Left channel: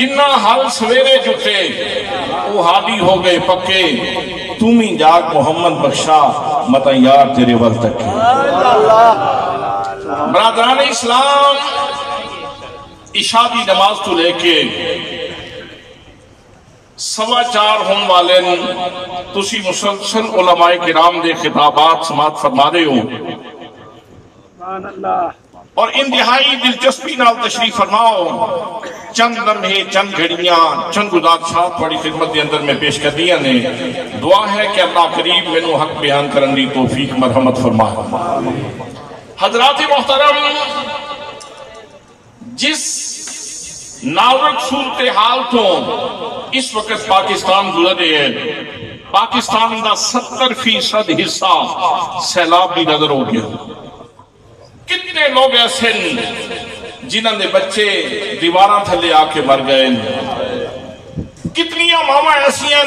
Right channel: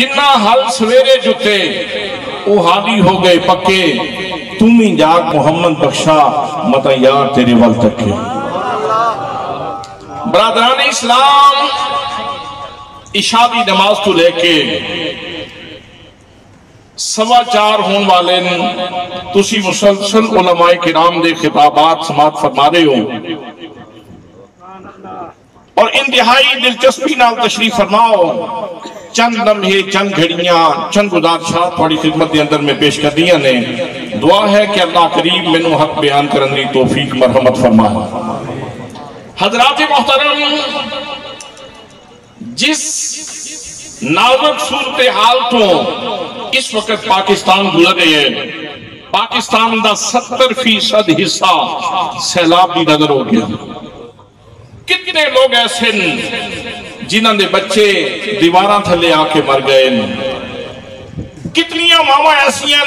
جنہ حل سویرے جتے وہ حالی ہو گئے پکے تمہیں جاگ محمد بخشا متا یار تیرے ول تکے برادران اسلام عشاء دی نماز تو لے کے 4:15 ہون والے تسی مسلسل علماء کرام دے خطابات سماعت فرما رہے ہو اور انتہائی دلچسپی نال تشریف فرماؤ چند لمحے چند گھڑیاں چند گزارشات تھوڑی خدمت کے اندر میں پیش کر دیا نے دعا ہے کہ اللہ قریب مینوں حق بیان کرن دی توفیق مرحمت فرمائے حضرات محترم جس نازک صورتحال تو اس وقت پاکستان گزرے ہے پاکستان دا 70% حصہ سیلاب بھی نظر ہو گیا کتنے لوگ ایسے جنہاں دے بچے دیواراں تھلے آ کے مر گئے کتنیاں ماما ایسیاں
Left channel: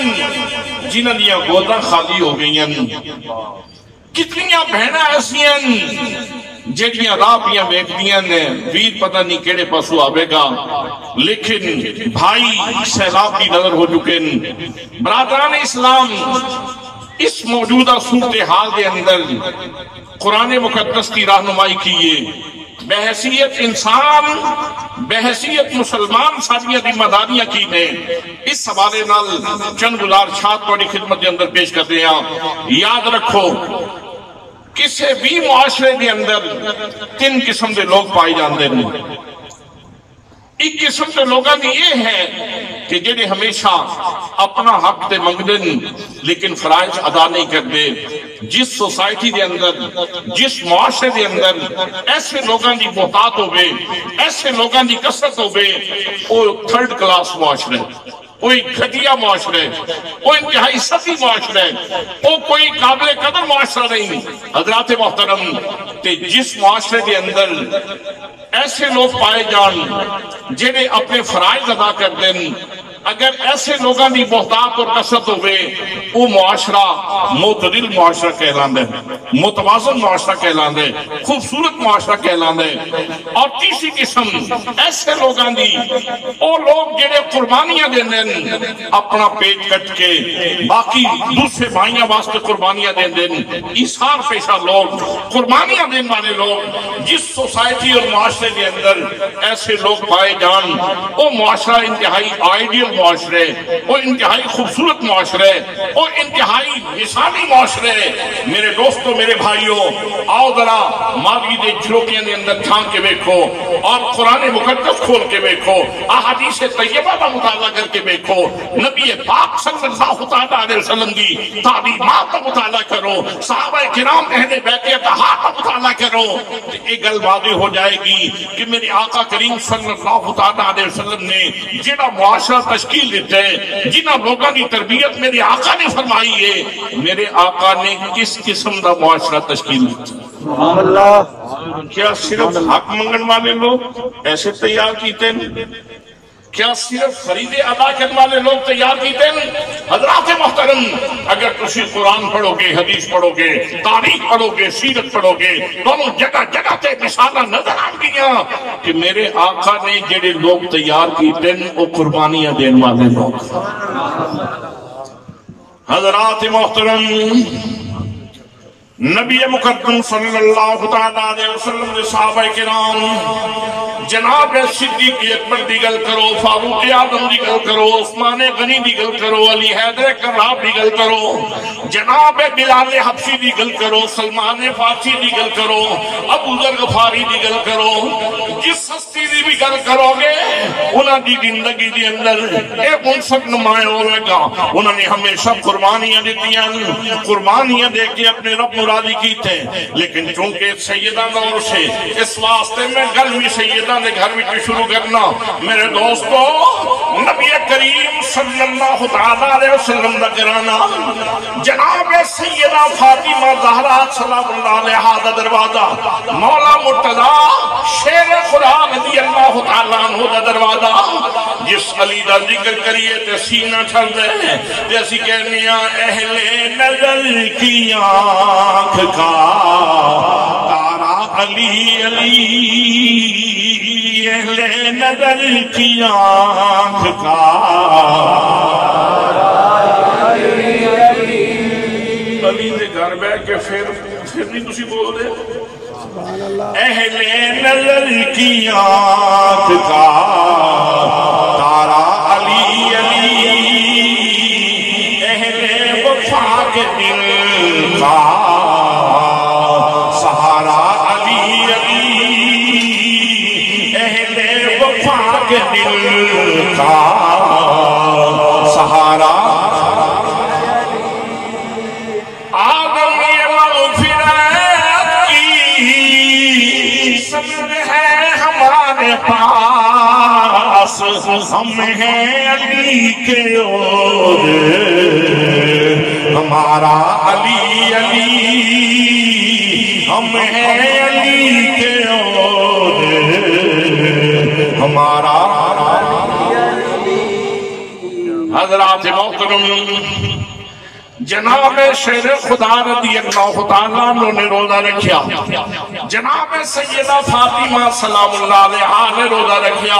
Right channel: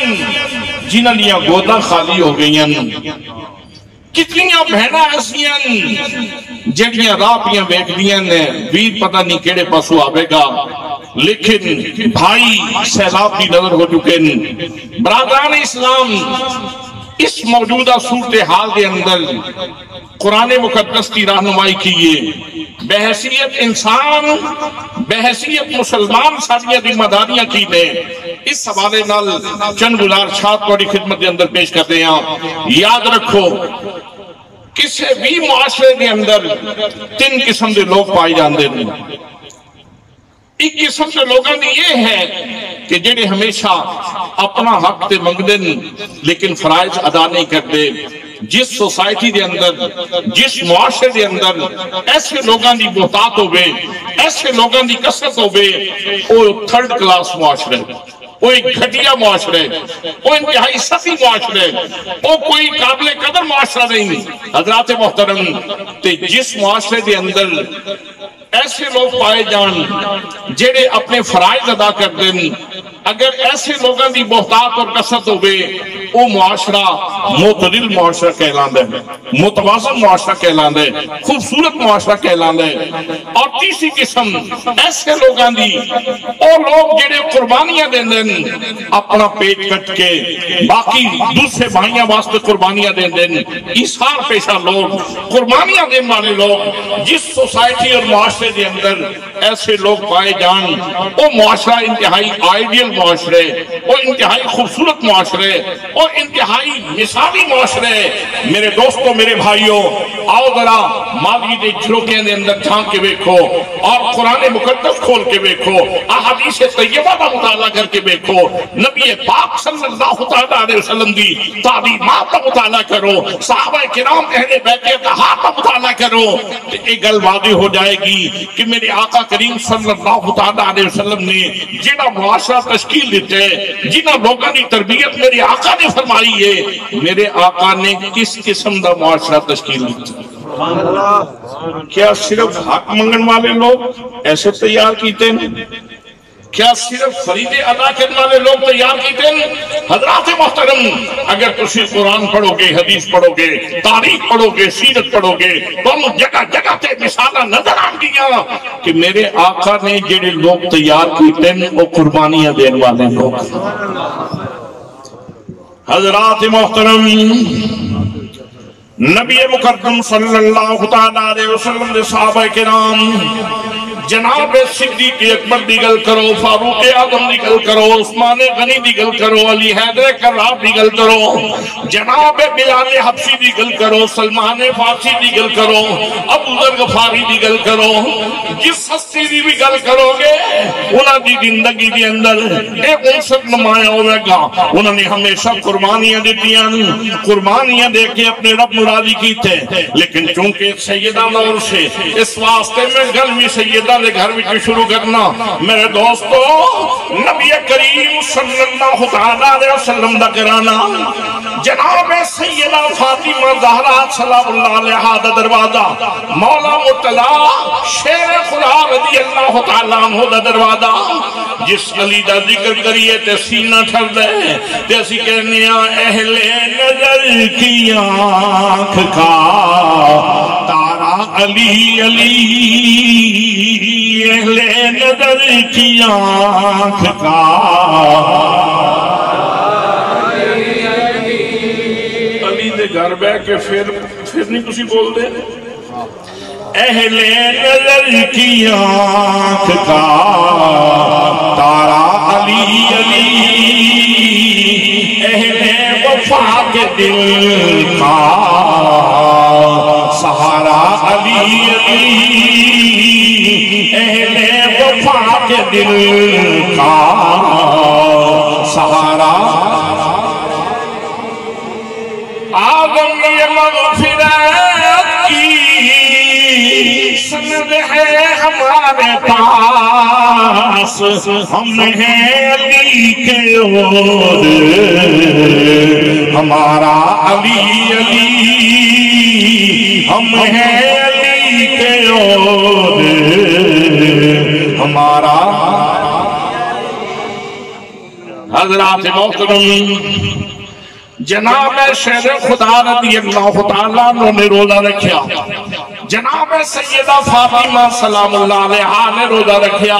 جنہاں دیاں گوداں خالی ہو گئیاں کتنیاں بہناں ایسیاں جڑیاں راہ پیاں بیک دیاں نے ویر پتہ نہیں کیڑے پاسو آوے گا لیکن بھائی سیلاب بھی نظر ہو چکے برادران اسلام اس موجودہ صورتحال کے اندر قرآن مقدس کی رہنمائی کیے بحیثیت انسان بحیثیت مسلمان ساریاں ذمہ داریاں کی نے اس حوالے نال چند گزارشات تہاڈی خدمت کے اندر پیش کرتے ہیں یاد رکھو کسی بھی معاشرے کے اندر 3 قسم کے لوگ پائے جاندے ہیں ایک قسم کے لوگاں دی یہ ہے کہ جنہیں ہمیشہ اپنا حق تے منگدے لیکن فرائض ادا نہیں کرتے جس سوسائٹی دے اندر جس معاشرے دے اندر ایسے لوگاں دی بہتات ہوئے ایسے لوگاں دی کثرت ہوئے وہ 3rd کلاس معاشرے وہ ایک گھٹیا معاشرے وہ انتہائی سطحی معاشرے وہ کوئی قابل قدر معاشرہ نہیں حضرات محترم تے جس معاشرے دے اندر ایسے لوگ پائے جان جڑے اپنے فرائض ادا کر دیں اگر ایسے لوگاں دی بہتات اور کثرت ہوئے وہ معاشرہ معتدل معاشرہ کہلاندے متوازن معاشرہ کہلاندے خوبصورت معاشرہ کہلاندے اور تیسری قسم ایسے لوگاں دی اور لوگ جڑے قربانیاں دیں اپنا پیٹ کٹ کے باقی دوسرے بھائیاں واسطے قربانیاں دیں ایثار پیشہ لوگ قربانیاں دیں والے لوگ جس سوسائٹی اور معاشرے کے اندر ایسے لوگ پائے جان وہ معاشرہ انتہائی آئیڈیل معاشرے وہ انتہائی خوبصورت معاشرے وہ انتہائی مثالی معاشرے میرے دوستوں میرے بھائیوں آؤ ذرا ماضی دے جھروکیاں دے اندر جھانک کے بیکھو اور قرآن مقدس کھول کے بیکھو احادیث طیبہ کا مطالعہ کر کے بیکھو نبی پاک صلی اللہ علیہ وسلم دی تعلیمات کا مطالعہ کرو صحابہ کرام اہل بیت اطہار کا مطالعہ کرو ایک گل واضح ہو جائے گی کہ میرے آقا کریم صلی اللہ علیہ وسلم نے جڑا معاشرہ تشکیل دیتے ہیں جنہاں لوگاں کی تربیت میرے آقا نے فرمائی ہے میرے آقا نے کس قسم دا معاشرہ تشکیل دیتا سبحان اللہ کیا صرف حق منگن والے لوگ ایسے تیار کیتے ہیں کیا صرف فریضے ادا کرنے والے لوگ تیار کیتے ہیں حضرات محترم اگر تسی قرآن پڑھو گے حدیث پڑھو گے تاریخ پڑھو گے سیرت پڑھو گے تو جگہ جگہ تے مثالہ نظر آن گیا کہ میرے آقا نے جڑے لوگ تیار کیتے ہیں وہ قربانیاں دین والے لوگ حضرات محترم نبی مقدم صلی اللہ علیہ وسلم دے صحابہ کرام جناب صدیق اکبر دی گل کرو فاروق اعظم دی گل کرو عثمان غنی دی گل کرو علی حیدر کراب دی گل کرو جناب بلال حبشی دی گل کرو سلمان فارسی دی گل کرو ابو ذر غفاری دی گل کرو جس ہستی دی بھی گل کرو گے انہاں دی زندگی دی اندر ایک عنصر نمایاں ہوئے گا انہاں نے ہمیشہ قربانیاں دیتیاں قربانیاں دے کے اپنے رب راضی کیتے لیکن چونکہ سیدہ نور سے اس واسطے میں گل میں سیدہ نے گھر میں شروع کرنا میرے دوستو نبی کریم صلی اللہ علیہ وسلم دا کرانا جناب سیدہ فاطمہ زہرا سلام اللہ علیہ دا دروازہ مولا مرتضی شیر خدا رضی اللہ تعالیٰ عنہ دا دروازہ جس علی دا ذکر کریے تے سینہ ٹھر دے تے اسی کہنے اہل نظر کی آنکھ کا تارا علی علی نظر کی آنکھ کا علی دے گھر بہ کے پھر نہیں تسی بول دے اہل نظر کی آنکھ کا تارا علی علی اہل وفا کے دل کا سہارا علی علی اہل وفا کے دل کا سہارا آدم یہ مغفرت کی سند ہے ہمارے پاس ہم ہیں علی کے اور ہمارا علی علی ہم ہیں علی کے اور ہمارا حضرات محترم جناب شہر خدا رضی اللہ تعالیٰ نے روزہ رکھیا جناب سیدہ فاطمہ سلام اللہ علیہا نے روزہ رکھیا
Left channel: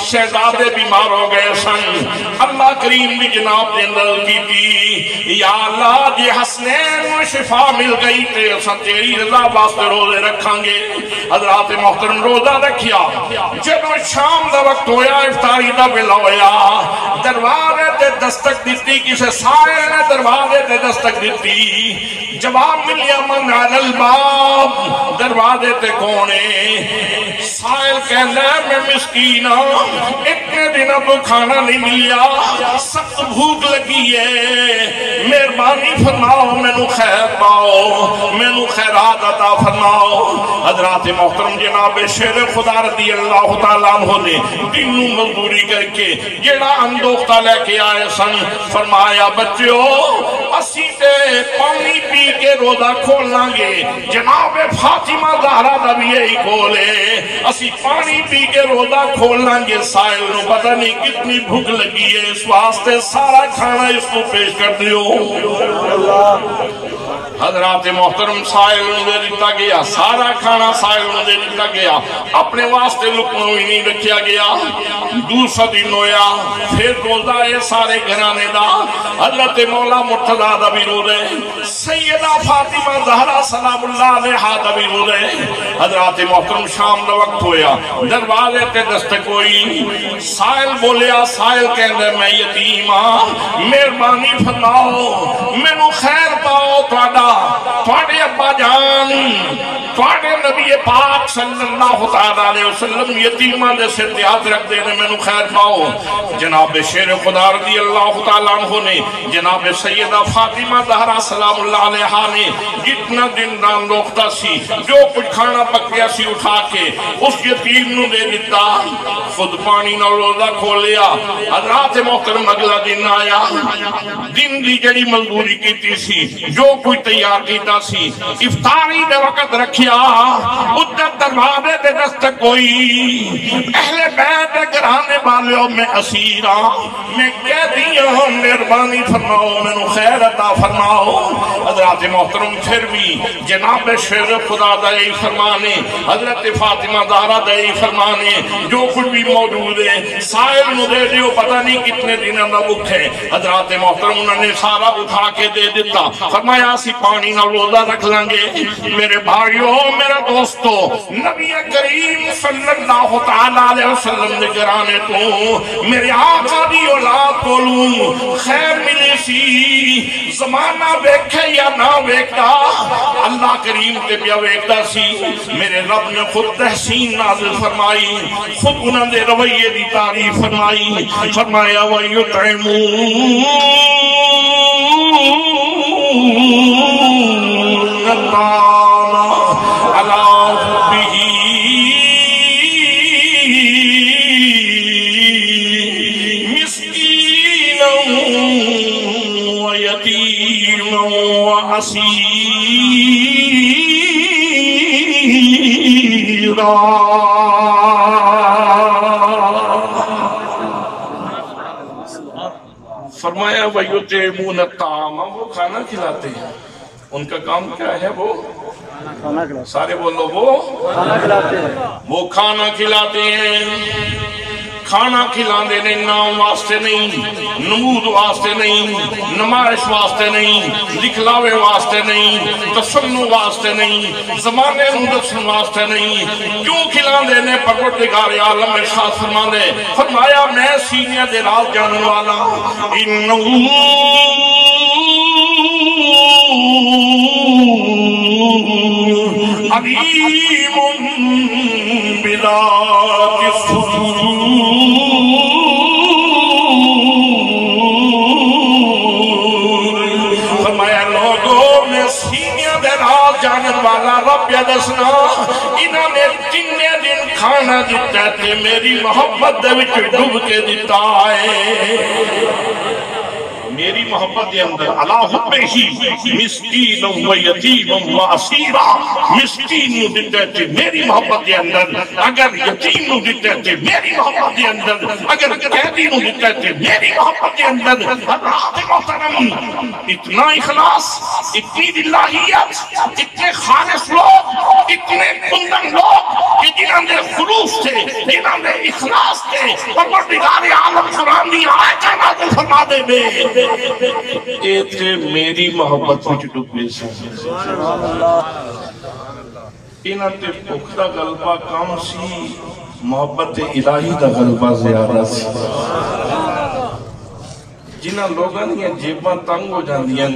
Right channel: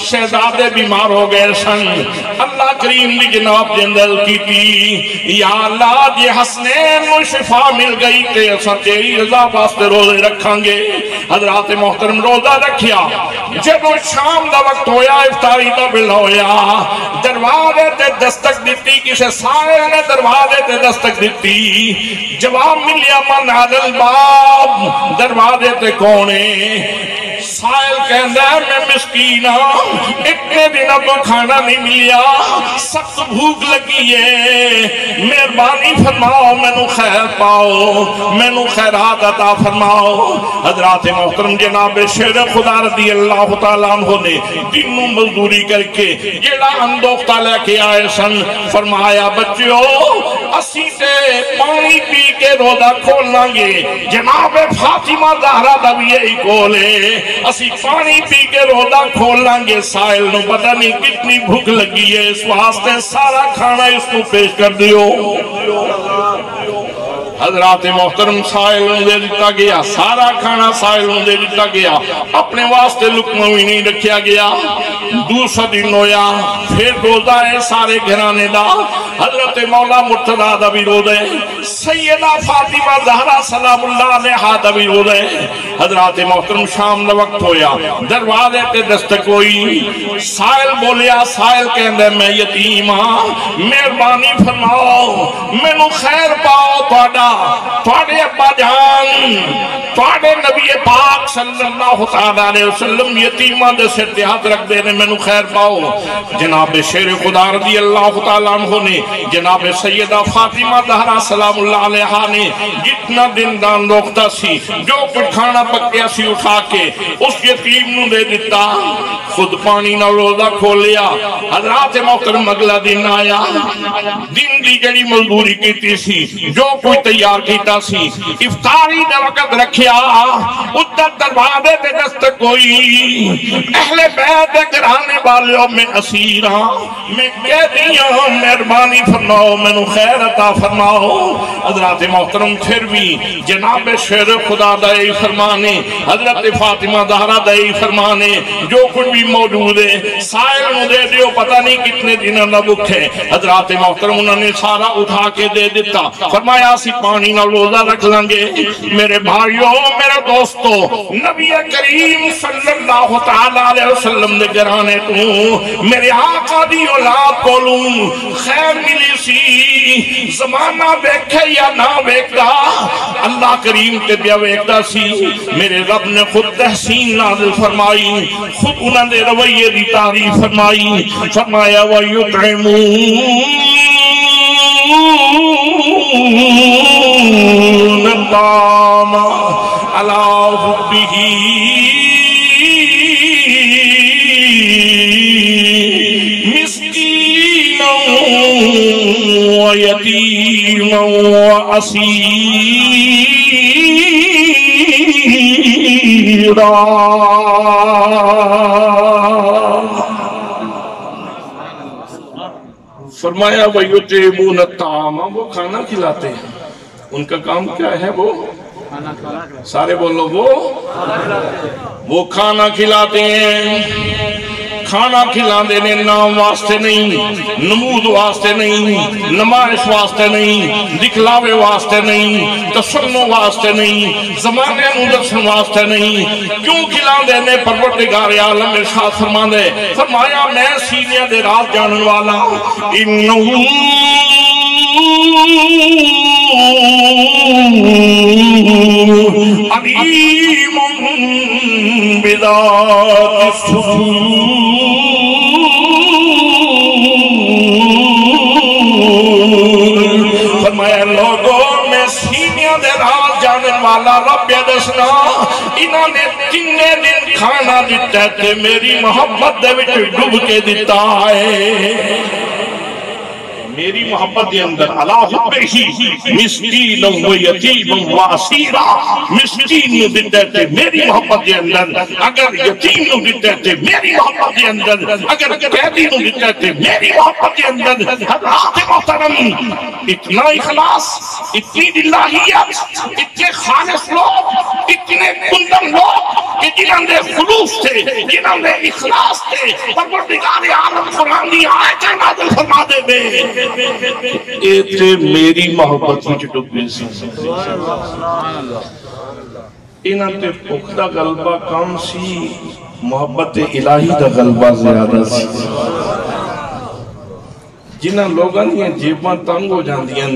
شہزادے بیمار ہو گئے سن اللہ کریم نے جناب جندل کی تھی یا اللہ جی حسنین میں شفا مل گئی تے اسا تیری رضا واسطے روزے رکھاں گے حضرات محترم روزہ رکھیا جب شام دا وقت ہویا افطاری دا بلا ہویا دروازے تے دستک دیتی کسے سائے نے دروازے تے دستک دیتی جواب ملیا من علی الباب دروازے تے کونے سائل کہندہ ہے میں مسکین اتنے دن اب کھانا نہیں ملیا سخت بھوک لگی ہے مہربانی فرماؤ میں نو خیر پاؤ میں نو خیرات عطا فرماؤ حضرات محترم جناب شیر خدا رضی اللہ تعالیٰ عنہ نے دنوں مزدوری کر کے جیڑا اندوختہ لے کے آئے سن فرمایا بچیو اسی تے پانی پی کے روزہ کھولنا گے جناب فاطمہ زہرا دا بھی یہی کولے اسی پانی پی کے روزہ کھولنا گے سائل نو پتہ نہیں کتنی بھوک لگی ہے اس واسطے سارا کھانا اس کو پیش کر دیو حضرات محترم سائل نو دے دیتا گیا سارا کھانا سائل نو دے دیتا گیا اپنے واسطے لقمہ بھی نہیں رکھیا گیا دوسرا دن ہویا پھر روزہ ہے سارے گھرانے دا حضرت مولا مرتضی دا بھی روزہ ہے سیدہ فاطمہ زہرا سلام اللہ علیہا دا بھی روزہ ہے حضرات محترم شام دا وقت ہویا دروازے تے دستک ہوئی سائل بولیا سائل کہندے میں یتیم ہاں مہربانی فرماؤ میں نو خیر پاؤ تواڈے ابا جان تواڈے نبی پاک صلی اللہ علیہ وسلم یتیماں دے سر تے ہاتھ رکھ دے نے مینوں خیر پاؤ جناب شیر خدا رضی اللہ تعالیٰ عنہ نے جناب سیدہ فاطمہ زہرا سلام اللہ علیہا نے جتنا دن دان روکتا سی جو کچھ کھانا پکیا سی اٹھا کے اس یتیم نو دے دیتا خود پانی نہ روزہ کھولیا حضرات محترم اگلا دن آیا دن دی جڑی مزدوری کیتی سی جو کوئی تیار کیتا سی افطاری دے وقت رکھیا ادھر دروازے تے دستک ہوئی اہل بیت گھرانے والیوں میں اسیراں میں قیدیاں مہربانی فرماؤ میں نو خیر عطا فرماؤ حضرات محترم پھر بھی جناب شیر خدا دائی فرمانے حضرت فاطمہ زہرا دائی فرمانے جو کچھ بھی موجود ہے سائل نو دے دیو پتہ نہیں کتنے دنوں نہ بکھے حضرات محترم انہوں نے سارا اٹھا کے دے دیتا فرمایا سی پانی نہ روزہ رکھ لیں گے میرے بھائیوں میرے دوستو نبی کریم صلی اللہ علیہ وسلم نے گرانے تو میرے آقا دی اولاد کولوں خیر ملی سی زمانہ بیکھے یا نہ بیکھتا اللہ کریم تے بیا بیکھتا سی میرے رب نے خود تحسین نازل فرمائی خود انہوں نے رویے دی تعریف فرمائی فرمایا وَيُطْعِمُونَ الطَّعَامَ عَلَى حُبِّهِ مِسْكِينًا وَيَتِيمًا وَأَسِيرًا فرمایا وَيُطْعِمُونَ الطَّعَامَ وہ کھانا کھلاتے ہیں ان کا کام کیا ہے وہ سارے بولو وہ کھانا کھلاتے ہیں. کھانا کھلانے نے نام واسطے نہیں، نمود واسطے نہیں، نمائش واسطے نہیں، دکھلاوے واسطے نہیں، تسنو واسطے نہیں، زمانے دسن واسطے نہیں. کیوں کھلانے نے؟ پروردگار عالم ارشاد فرماندے فرمایا میں سینیاں دے راز جانن والا علیم بذات الصدور. والا رب دسنا انہاں نے تینے دن کھانا دیتا ہے میری محبت دے وچ ڈوب کے دیتا ہے. میری محبت دے اندر علا حبہ ہی مسکین و یتیم و اسیرا. مسکین نو دیتا ہے میری محبت دے اندر، اگر یتیم نو دیتا ہے میری محبت دے اندر، اگر قیدی نو دیتا ہے میری محبت دے اندر. حضرات محترم اتنا اخلاص، اتنی دلہیت، اتنے خالص لوگ، اتنے کندن لوگ کہ جنہاں دے خلوص تھے، جنہاں دے اخلاص تھے، پروردگار عالم قرآن دی آیتیں نازل فرما دے بے ایتھے میری محبت وچ ڈوبے سی. انہاں تے بھوک دا غلبہ کم سی، محبت الہی دا غلبہ زیادہ سی. جنہاں لوگاں دیاں جیباں تنگ ہو جاندیاں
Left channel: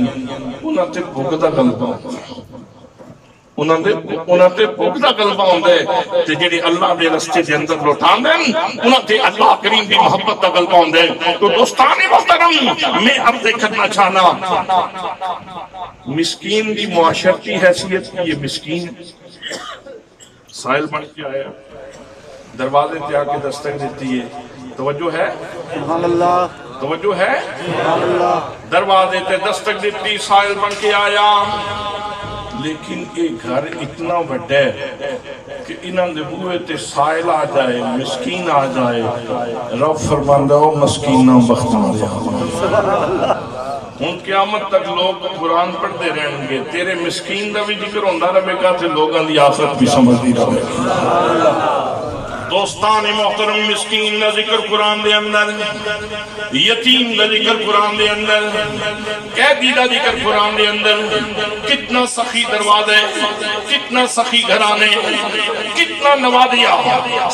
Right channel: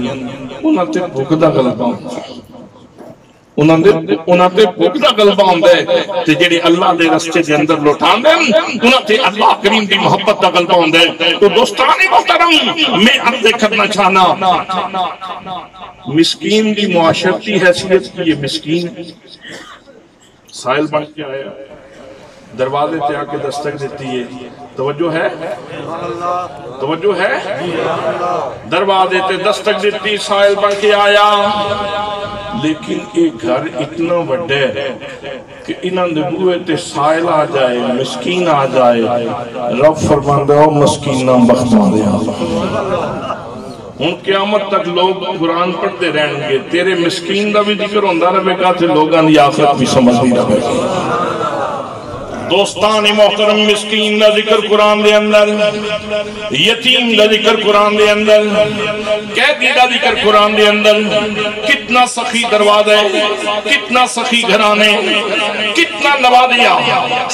انہاں تے بھوک دا غلبہ ہوندا ہے، انہاں تے بھوک دا غلبہ ہوندا ہے. تے جڑے اللہ دے رستے دے اندر لوٹاندے انہاں تے اللہ کریم دی محبت دا غلبہ ہوندا ہے. تو دوستان محترم میں عرض کرنا چاہنا مسکین دی معاشرتی حیثیت کی یہ مسکین سائل بن کے آیا، دروازے تے آ کے دستک دیتی ہے. توجہ ہے؟ توجہ ہے؟ دروازے تے دستک دیتی، سائل بن کے آیا. لیکن ایک گھر اتنا بڑا ہے کہ انہاں دے بوئے تے سائل آ جائے، مسکین آ جائے، رب فرماندے ہو مسکینہ بختاں دیا. ہن قیامت تک لوگ قرآن پڑھتے رہیں گے، تیرے مسکین دا بھی ذکر ہوندہ رہے گا تے لوگاں دی آخرت بھی سمجھتی رہے گا. دوستان محترم مسکین دا ذکر قرآن دے اندر، یتیم دا ذکر قرآن دے اندر، قیدی دا ذکر قرآن دے اندر. کتنا سخی دروازے، کتنا سخی گھرانے، کتنا نوازیا.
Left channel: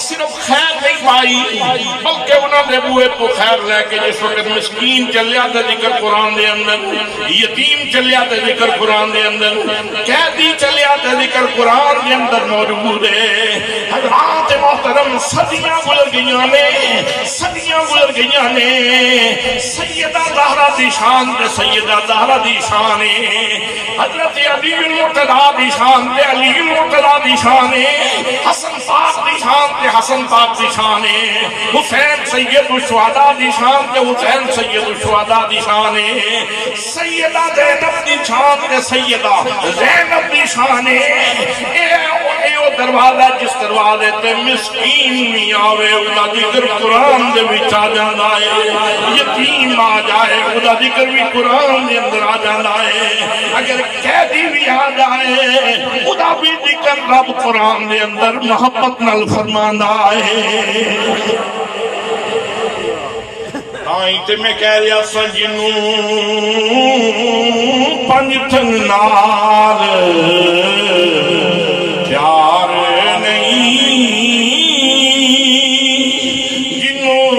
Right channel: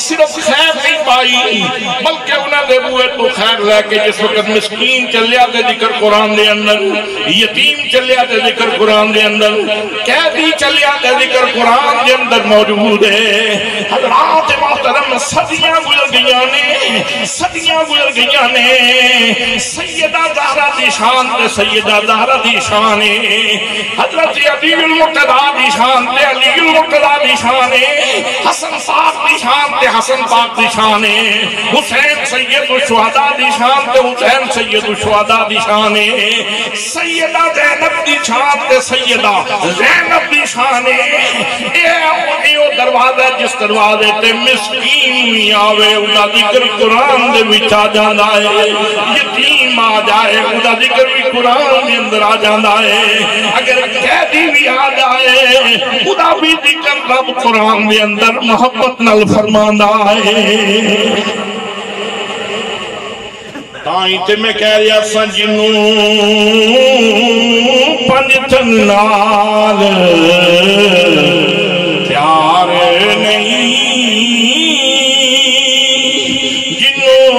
صرف خیر نہیں پائی بلکہ انہوں نے بوئے تو خیر لے کے جس وقت مسکین چلیا دے ذکر قرآن دے اندر، یتیم چلیا دے ذکر قرآن دے اندر، قیدی چلیا دے ذکر قرآن دے اندر موجود ہے. حضرات محترم صدیاں گزر گئیاں نے، صدیاں گزر گئیاں نے. سیدہ زہرا دی شان تے سیدہ زہرا دی شان ہے، حضرت علی المرتضیٰ دی شان تے علی المرتضیٰ دی شان ہے، حسن پاک دی شان تے حسن پاک دی شان ہے، حسین سید الشہداء دی شان تے حسین سید الشہداء دی شان ہے، سیدہ زینب دی شان تے سیدہ زینب دی شان ہے. اے دروازہ جس دروازے تے مسکین نہیں آوے اُدا ذکر قرآن دے وچ آ جاندا ہے، یتیم آ جائے اُدا ذکر بھی قرآن دے اندر آ جاندا ہے، اگر قیدی بھی آ جائے اُدا بھی ذکر رب قرآن دے اندر محبت نال فرماندا ہے. تائیں تے میں کہہ رہا سا جنوں پنجتن نال پیار نہیں، جنوں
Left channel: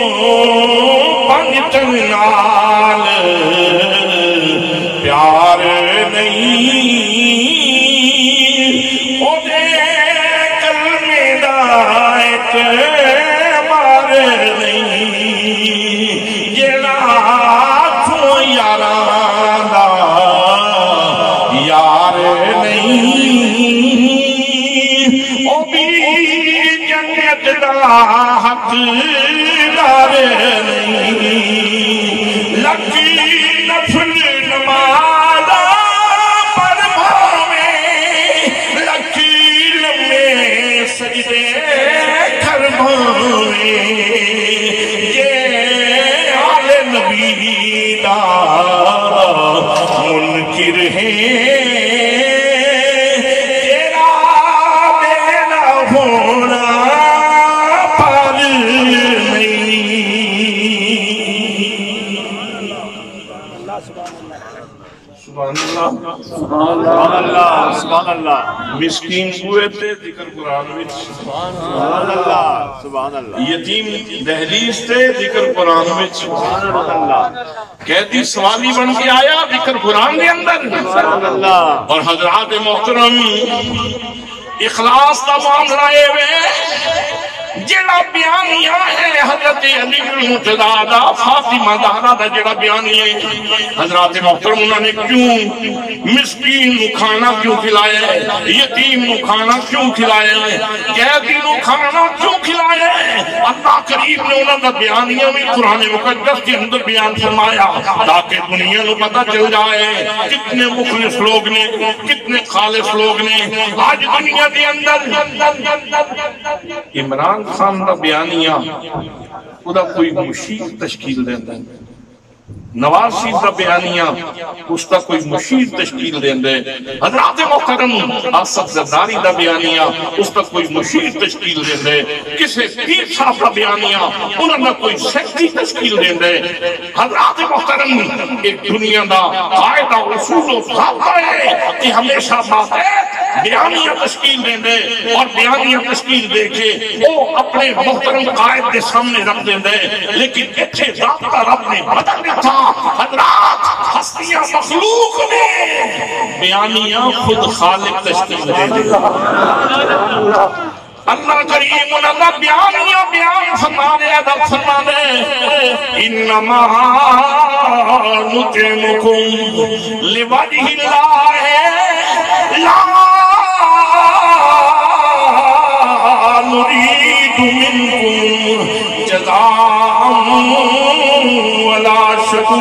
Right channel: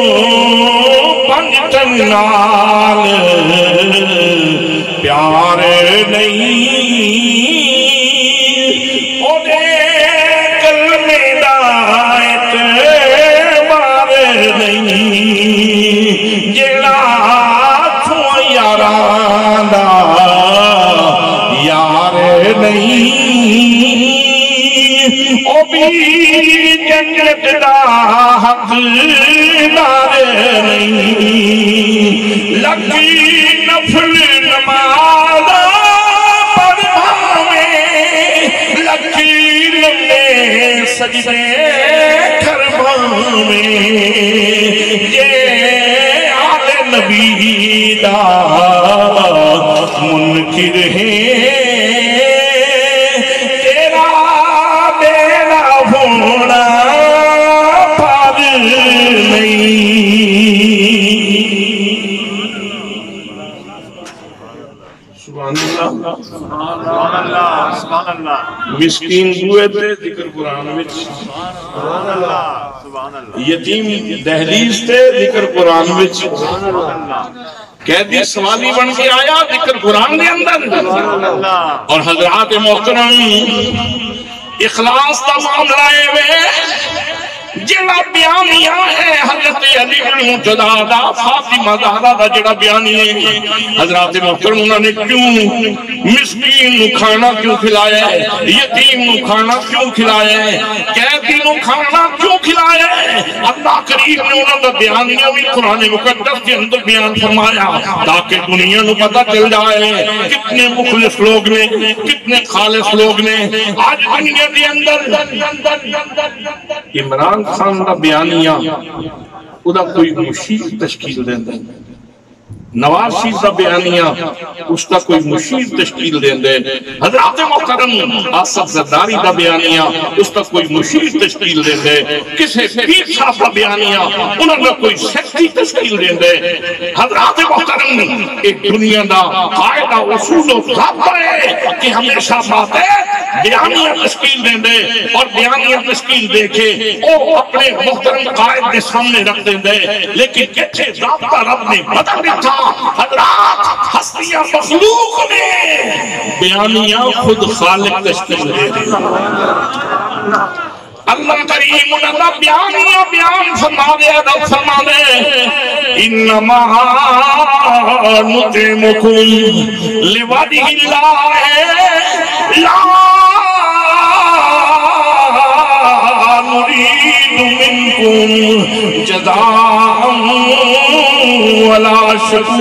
پنجتن نال پیار نہیں، او دے کلمے دا اعتبار نہیں، جیڑا چھو یاراں دا یار نہیں، او بھی جنت دا حقدار نہیں. لکی نفل نماز پر بھاویں، لکی لمبے سجدے کر بھاویں، یہ آل نبی دا منکر ہے کہ سبحان اللہ سبحان اللہ سبحان اللہ مسکین بوئے تے ذکر قرآن وچ سبحان اللہ سبحان اللہ یتیم دہلیز تے ذکر قرآن وچ سبحان اللہ قیدی سوالی بن کے آیا ذکر قرآن دے اندر سبحان اللہ اور حضرات محترم اخلاص دا معاملہ اے وے جڑا بیانیہ ہے حضرت علی المرتضیٰ دا فاطمہ زہرا دا جڑا بیانی ہے حضرات محترم انہوں نے کیوں مسکین نو کھانا کیوں کھلایا ہے یتیم نو کھانا کیوں کھلایا ہے قیدی نو کھانا کیوں کھلایا ہے اللہ کریم نے انہوں نے بیانیہ بھی قرآن مقدس کے اندر بیان فرمایا تاکہ دنیا نو پتہ چل جائے کتنے مخلص لوگ نے کتنے خالص لوگ نے آج دنیا کے اندر عمران خان دا بیانیہ ادا کوئی مشیر تشکیل دیں دیں نواز شریف دا بیانیہ اس کا کوئی مشیر تشکیل دیں دیں حضرات محترم آصف زرداری دا بیانیہ اس کا کوئی مشیر تشکیل دیں دیں کسے پیر صاحب دا بیانیہ انہوں نے کوئی سیکٹری تشکیل دیں دیں حضرات محترم ایک دنیا دا قاعدہ اصول و ضابطہ ہے کہ ہمیشہ باتیں بیانیہ تشکیل دیں دے اور بیانیہ تشکیل دے کے وہ اپنے محترم قائد کے سامنے رکھ دیں دے لیکن کچھے ضابطہ رب نے بدل دیتا حضرات ہستیاں مخلوق نے بیانیہ خود خالق تشکیل دے دے اللہ کریم انہاں بیانیہ بیان فرما دے رب فرما دے انما نطعمکم لوجہ اللہ لا نريد منكم جزاء ولا شكورا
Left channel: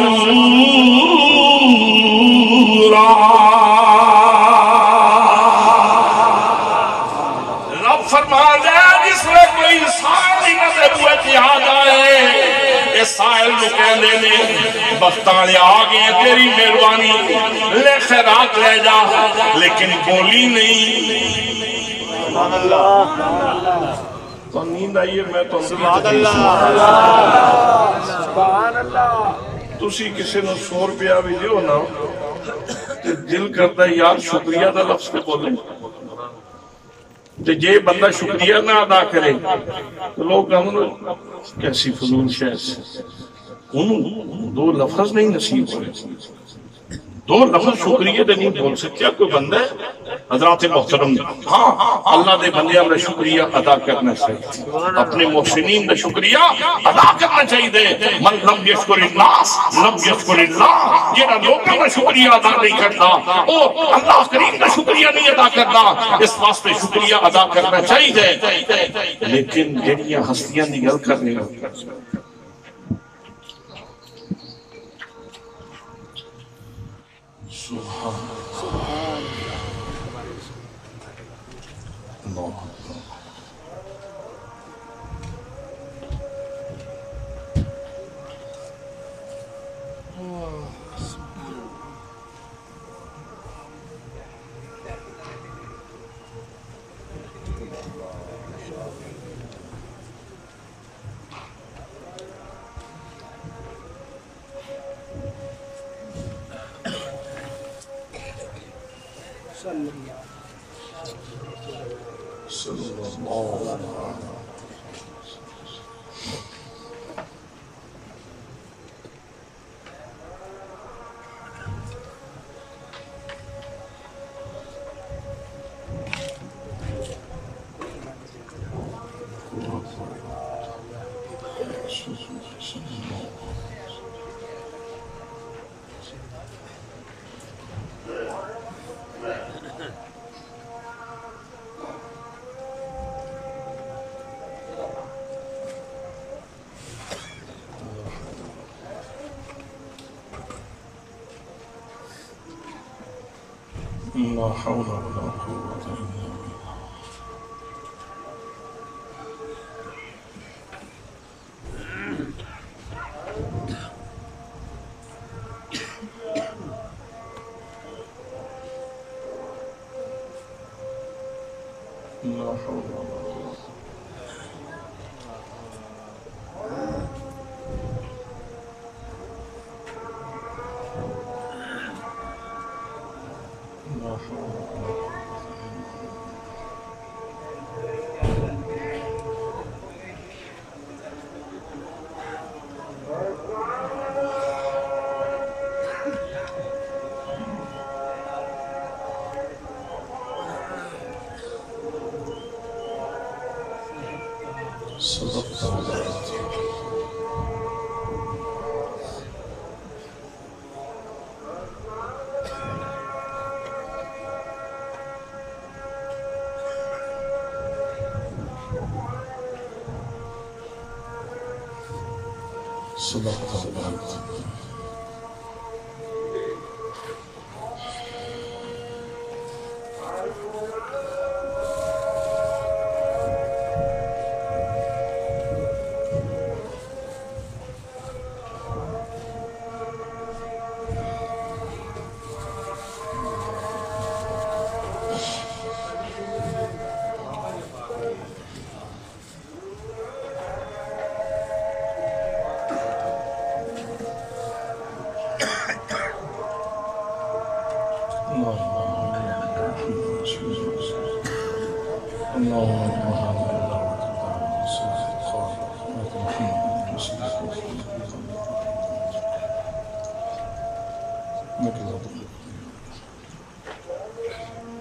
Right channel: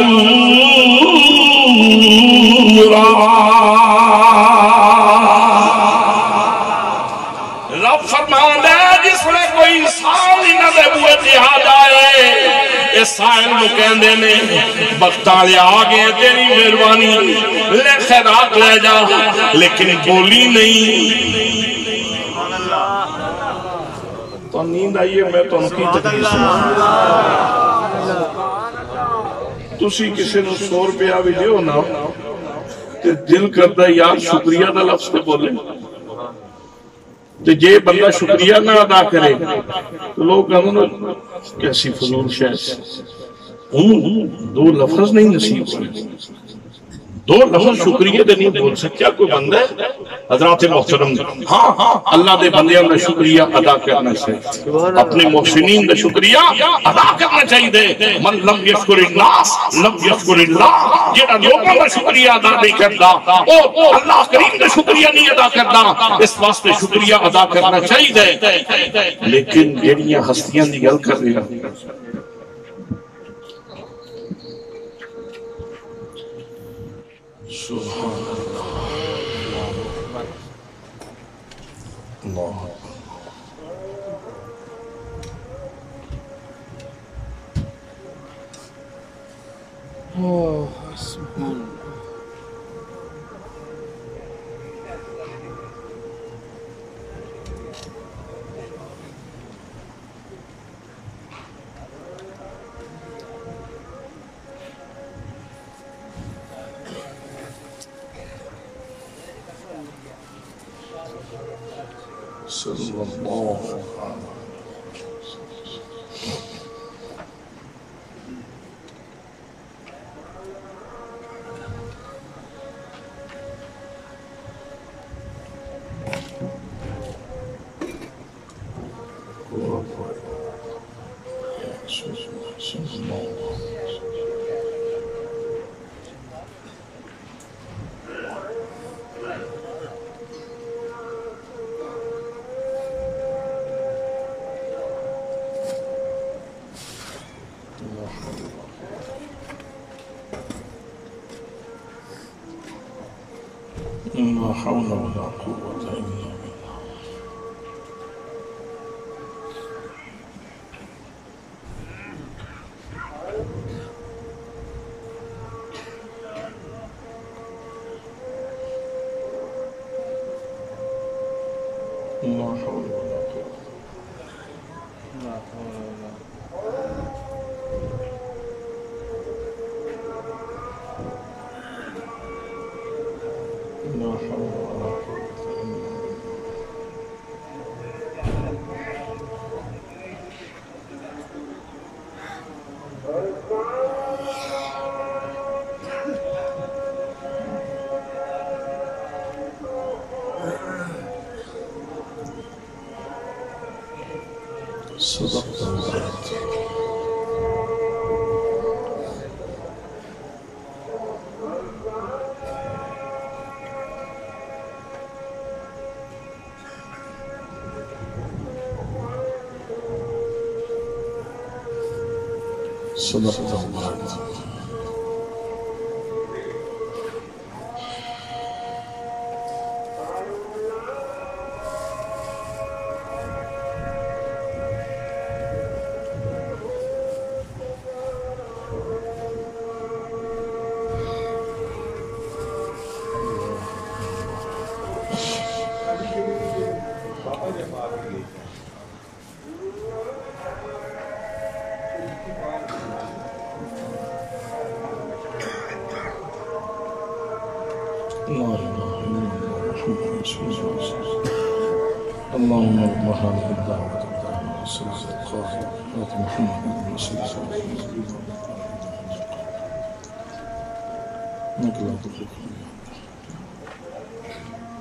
رب فرما دے جس میں کوئی سائل نہ دے بوئے جہاد آئے اس سائل نو کہندے نے بختالے آگے تیری مہربانی لے خیرات لے جا لیکن بولی نہیں تو نیند آئیے میں تو ان کی تکلیف تسی کسی نو 100 روپیہ بھی دیو نا تے دل کرتا ہے یار شکریہ دا لفظ تے بولے تے جے بندہ شکریہ نہ ادا کرے تو لوگ کہتے ہیں کیسی فضول شیخ دو لفظ نہیں نصیب ہوئے دو لفظ شکریہ دے نہیں بول سکتا کوئی بندہ ہے حضرات محترم ہاں اللہ دے بندیاں دا شکریہ ادا کرنا چاہیے اپنے محسنین دا شکریہ ادا کرنا چاہیے من لم یشکر الناس لم یشکر اللہ جنہاں لوگوں دا شکریہ ادا نہیں کرتا او اللہ کریم دا شکریہ نہیں ادا کرتا اس واسطے شکریہ ادا کرنا چاہیے لیکن جڑیاں ہستیاں دی گل کر رہی ہیں سبحان اللہ صلی اللہ علیہ لا حول ولا قوة إلا بالله لا حول ولا قوة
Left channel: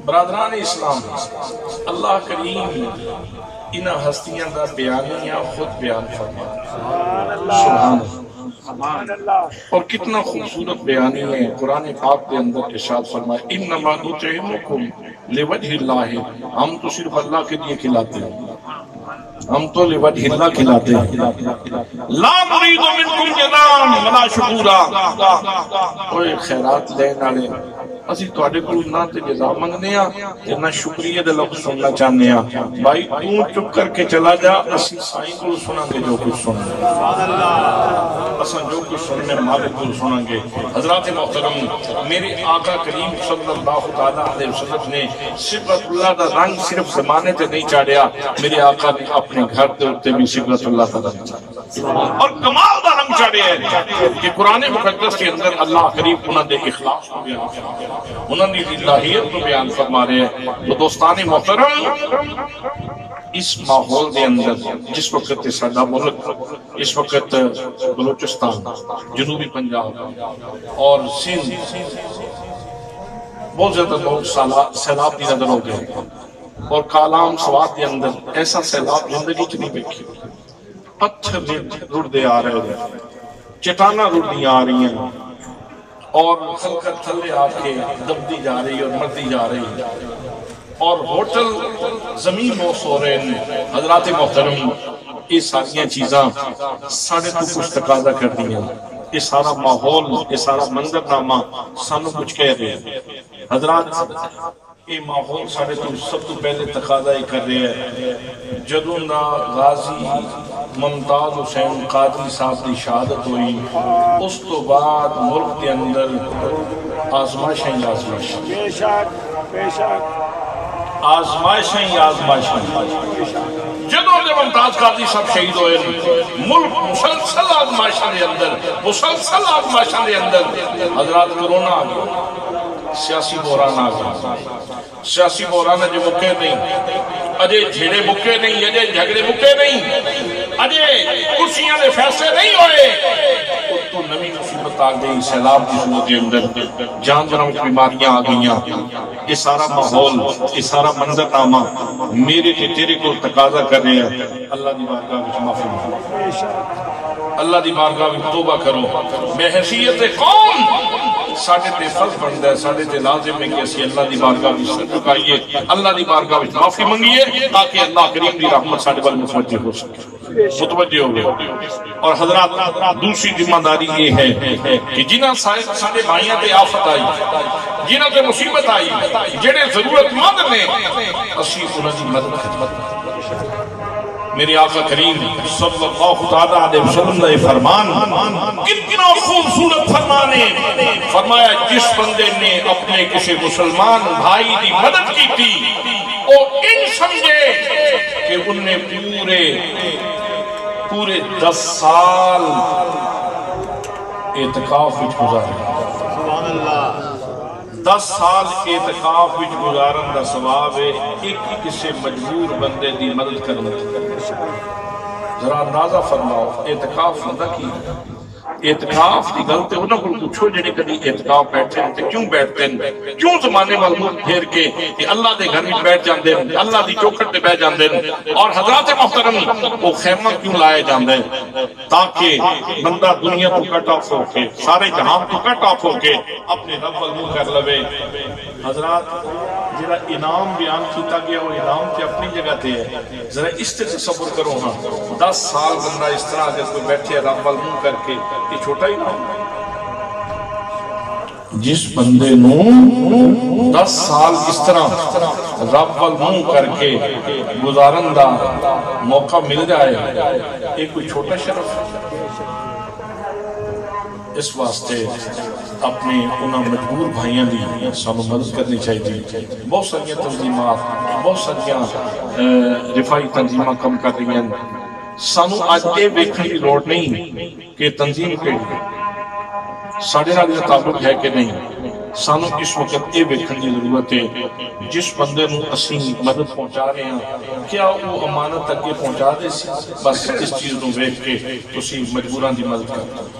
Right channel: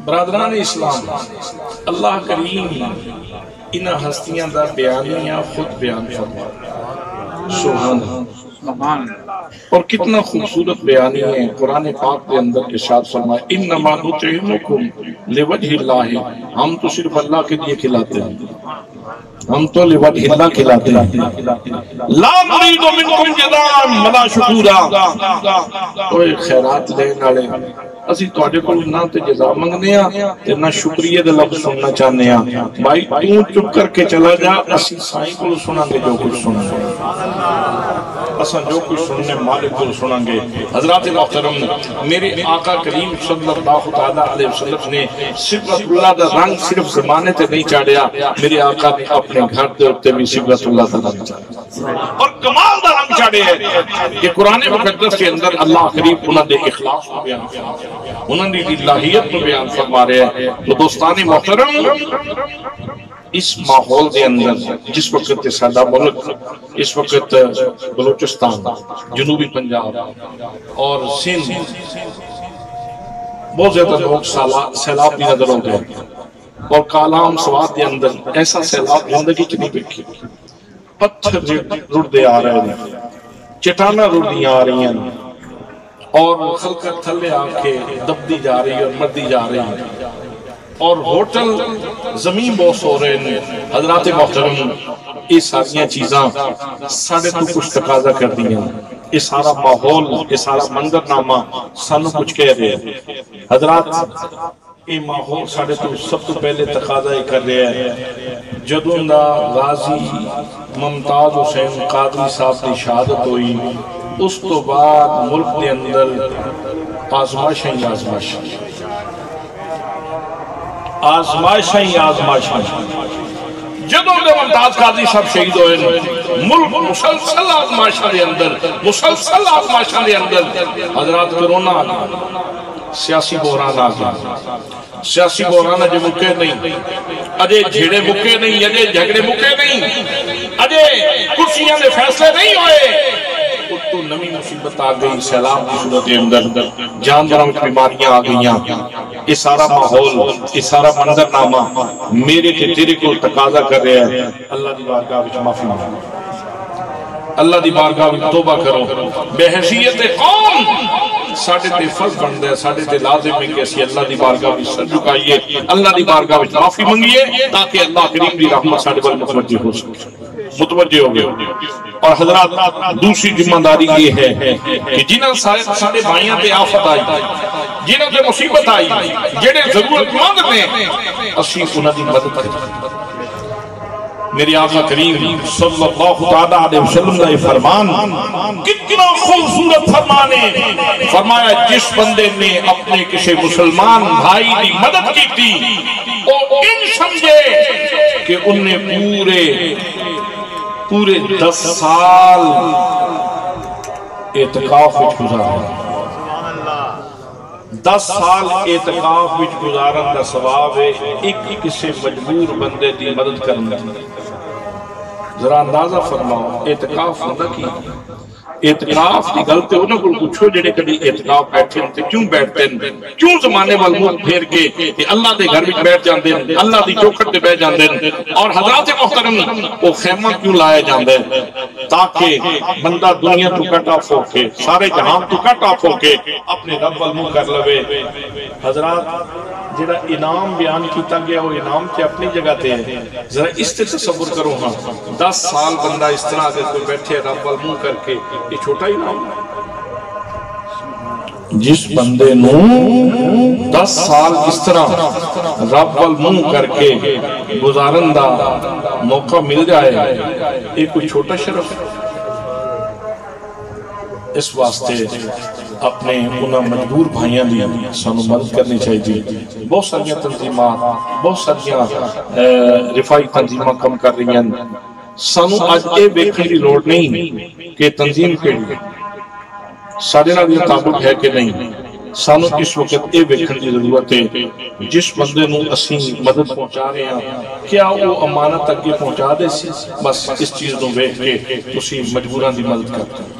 برادران اسلام، اللہ کریم انہ ہستیاں دا بیانیاں خود بیان فرما، سبحان اللہ، اور کتنا خوبصورت بیانی ہے قرآن پاک کے اندر ارشاد فرمائے انما نطعمکم لوجہ اللہ، ہم تو صرف اللہ کے لیے کھلاتے ہیں، ہم تو لوجہ اللہ کھلاتے ہیں، لا نريد منکم جزاء ولا شکورا، کوئی خیرات لین والے اسی تواڈے کول نہ تے جزا منگنے ہاں تے نہ شکریہ دے لفظ سننا چاہنے ہاں، بھائی تو چپ کر کے چلا جا، اسی سائیں کول سناں گے جو کچھ سننا، اساں جو کچھ سننے مالک کول سناں گے۔ حضرات محترم، میرے آقا کریم صلی اللہ علیہ وسلم نے صفت اللہ دا رنگ صرف زمانے تے نہیں چاڑیا، میرے آقا نے اپنے گھر دے اوتے بھی صفت اللہ دا رنگ چاڑیا اور کمال دا رنگ چاڑیا ہے کہ قرآن مقدس کے اندر اللہ کریم انہاں دے اخلاص کو بیان فرمایا، انہوں نے الہیت کو بیان فرما رہے ہیں۔ تو دوستان محترم، اس ماحول دے اندر جس وقت سادہ ملک، اس وقت بلوچستان، جنوبی پنجاب اور سندھ بہت زیادہ لوگ سیلاب کی نظر ہو گئے، اور کالام سوات دے اندر ایسا سیلاب زندگی کی نہیں دیکھی، پتھر رڑ دے آ رہے ہیں، چٹانہ رڑ دی آ رہی ہیں، اور خلقت تھلے آ کے دبدی جا رہی اور مردی جا رہی، اور ہوٹل زمین بوس ہو رہے ہیں۔ حضرات محترم، یہ ساریاں چیزاں ساڑھے تو کچھ تقاضا کر دیا، یہ سارا ماحول، یہ سارا منظرنامہ سانو کچھ کہہ رہے ہیں۔ حضرات، یہ ماحول ساڑھے تو سب تو پہلے تقاضا ہی کر رہے ہیں، جدوں دا غازی ممتاز حسین قادری صاحب کی شہادت ہوئی، اس تو بعد ملک دے اندر آزمائشیں ہی آزمائشیں، آزمائشیں ہی آزمائشیں، جدوں دے ممتاز قادری صاحب شہید ہوئے، ملک مسلسل آزمائشیں دے اندر، مسلسل آزمائشیں دے اندر۔ حضرات، کرونا آ گیا، سیاسی بحران آ گیا، سیاسی بحران اجے مکے نہیں، اجے جھیڑے مکے نہیں، اجے جھگڑے مکے نہیں، اجے کرسیاں دے فیصلے نہیں ہوئے، تو نمی مصیبت آ گئی، سیلاب کی صورت اندر جانداروں کی بیماریاں آ گئیاں۔ یہ سارا ماحول، یہ سارا منظرنامہ میرے تے تیرے کو تقاضا کر رہے ہیں، اللہ دی بارگاہ وچ معافی مانگو، اللہ دی بارگاہ وچ توبہ کرو۔ بے حیثیت قوم ساڑھے تے فرض بندہ ہے، ساڑھے تے لازم ہے کہ اسی اللہ دی بارگاہ وچ سر جھکائیے، اللہ دی بارگاہ وچ معافی منگیے، تاکہ اللہ کریم دی رحمت ساڑھے بل متوجہ ہو سکے، متوجہ ہو گئے۔ اور حضرات، دوسری ذمہ داری یہ ہے کہ جنہاں سارے بھائیاں تے آفت آئی، جنہاں تے مصیبت آئی، جڑے ضرورت مند نے، اسی انہاں دی مدد کریں۔ میرے آقا کریم صلی اللہ علیہ وسلم کا یہ فرمان کتنا خوبصورت فرمان ہے، فرمایا جس بندے نے اپنے کسی مسلمان بھائی دی مدد کی تھی، وہ ان سمجھے کہ ان نے پورے 10 سال اعتکاف وچ گزارے، 10 سال اعتکاف وچ گزارن دا ثواب ہے ایک کسے مجبور بندے دی مدد کرنا. ذرا اندازہ فرماؤ اعتکاف ہوندا کی؟ اعتکاف دی گل تے انہاں کول پوچھو جڑے کدی اعتکاف بیٹھے تے کیوں بیٹھتے ہیں، کیوں زمانے وال منہ پھیر کے تے اللہ دے گھر وچ بیٹھ جاندے ہیں، اللہ دی چوکھٹ تے بیٹھ جاندے ہیں. اور حضرات محترم وہ خیمہ کیوں لائے جاندے ہیں؟ تاکہ بندہ دنیا تو کٹ آف ہو کے، سارے جہان تو کٹ آف ہو کے اپنے رب وال منہ کر لوے. حضرات جڑا انعام بیان کیتا گیا وہ انعام تے اپنی جگہ تے ہے. ذرا اس تے تصور کرو ہاں 10 سال بندہ اس طرح اگر کوئی بیٹھے رب وال منہ کر کے، یہ چھوٹا ہی انعام. جس بندے نو 10 سال اس طرح رب وال منہ کر کے گزارن دا موقع مل جائے، یہ کوئی چھوٹا شرف. اس واسطے اپنے انہاں مجبور بھائیاں دی سانو مدد کرنی چاہیے. بہت ساری تنظیمات، بہت ساری رفائی تنظیماں کم کر رہی ہیں. سانو آج اے ویکھن دی لوڑ نہیں کہ تنظیم کیڑی ساڈے نال یہ تعلق ہے کہ نہیں. سانو اس وقت اے ویکھن دی ضرورت ہے جس بندے نو اسی مدد پہنچا رہے ہیں کیا وہ امانت اگے پہنچا دے سی. بس اس چیز نو ویکھ کے تسی مجبوراں دی مدد کرتے.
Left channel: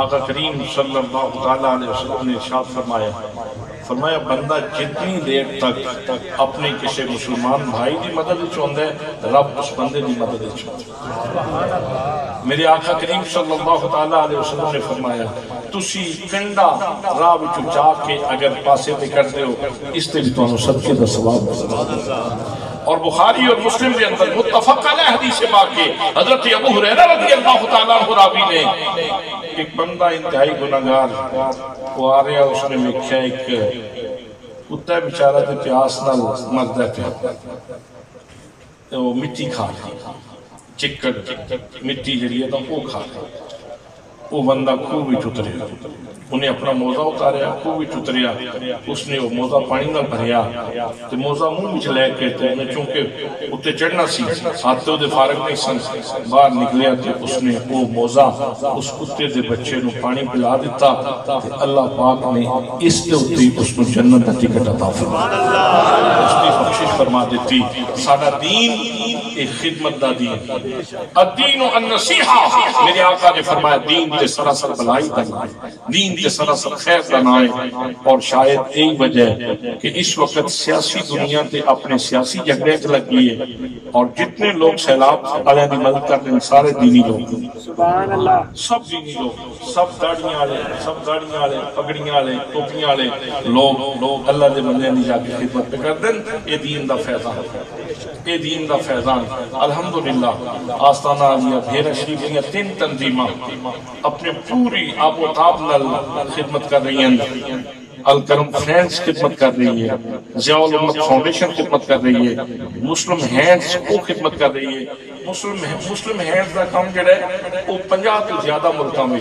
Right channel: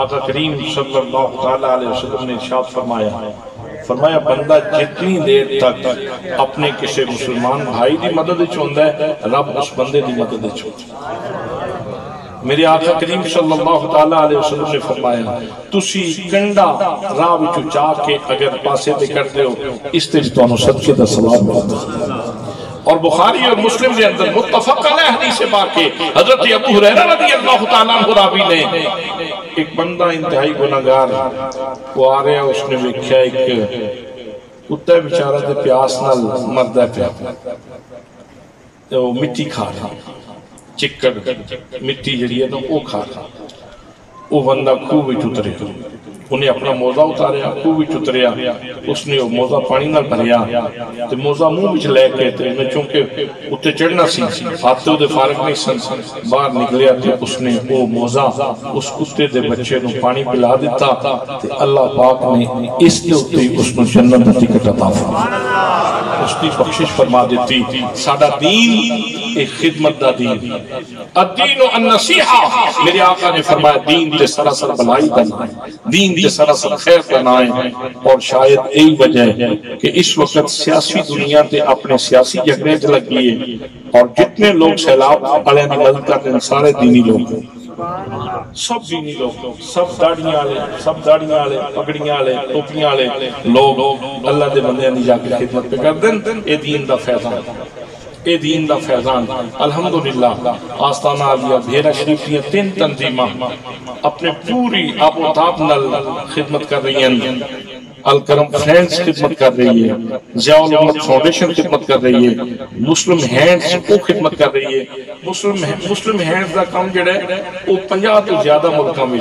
آقا کریم صلی اللہ علیہ وسلم نے ارشاد فرمایا بندہ جتنی دیر تک اپنے کسی مسلمان بھائی دی مدد چوندا ہے رب اس بندے دی مدد چوندا ہے. میرے آقا کریم صلی اللہ علیہ وسلم نے فرمایا تسی کنڈا راہ وچوں چاہ کے اگر پاسے تے کرتے ہو اس تے تانوں صدقے دا ثواب ملدا. اور بخاری اور مسلم کے اندر متفق علیہ حدیث پاک ہے حضرت ابو ہریرہ رضی اللہ تعالیٰ عنہ راوی نے ایک بندہ انتہائی گناہگار وہ آ رہا اس نے دیکھا ایک کتا بیچارہ تے پیاس نال مردا پیا وہ مٹی کھا رہا چکڑ مٹی جڑی ہے تو وہ کھا رہا. وہ بندہ خوہ وچ اتریا انہیں اپنا موزہ اتاریا خوہ وچ اتریا اس نے وہ موزہ پانی نال بھریا تے موزہ منہ وچ لے کے تے انہیں چونکہ اتے چڑھنا سی ہاتھ تے فارغ نہیں سن باہر نکلیا تے اس نے وہ موزہ اس کتے دے بچے نو پانی پلا دیتا تے اللہ پاک نے اس دے اوتے اس نو جنت دا ٹکٹ عطا فرمایا. اس دی بخشش فرما دیتی. ساڈا دین ایک خدمت دا دین الدین النصیحہ. میرے آقا نے فرمایا دین تے سراسر بلائی دا دین تے سراسر خیر دا نام ہے. اور شاید یہی وجہ ہے کہ اس وقت سیاسی دنیا تے اپنے سیاسی جھگڑے چ لگی ہے اور جتنے لوگ سیلاب والے دی مدد کرتے ہیں سارے دینی لوگ سب دینی لوگ سب داڑیاں والے پگڑیاں والے ٹوپیاں والے لوگ اللہ دے بندیاں دی جا کے خدمت پہ کر دیں. اے دین دا فیضان اے دین دا فیضان الحمدللہ. آستانہ عالیہ بھیرا شریف کی 3 تنظیماں اپنے پوری آب و تاب نال خدمت کر رہی ہیں. الکرم فرینڈز خدمت کر رہی ہے، ضیاء الامت فاؤنڈیشن خدمت کر رہی ہے، مسلم ہینڈز کو خدمت کر رہی ہے. مسلم ہینڈز دا کام جڑا ہے وہ 50 تو زیادہ ملکوں میں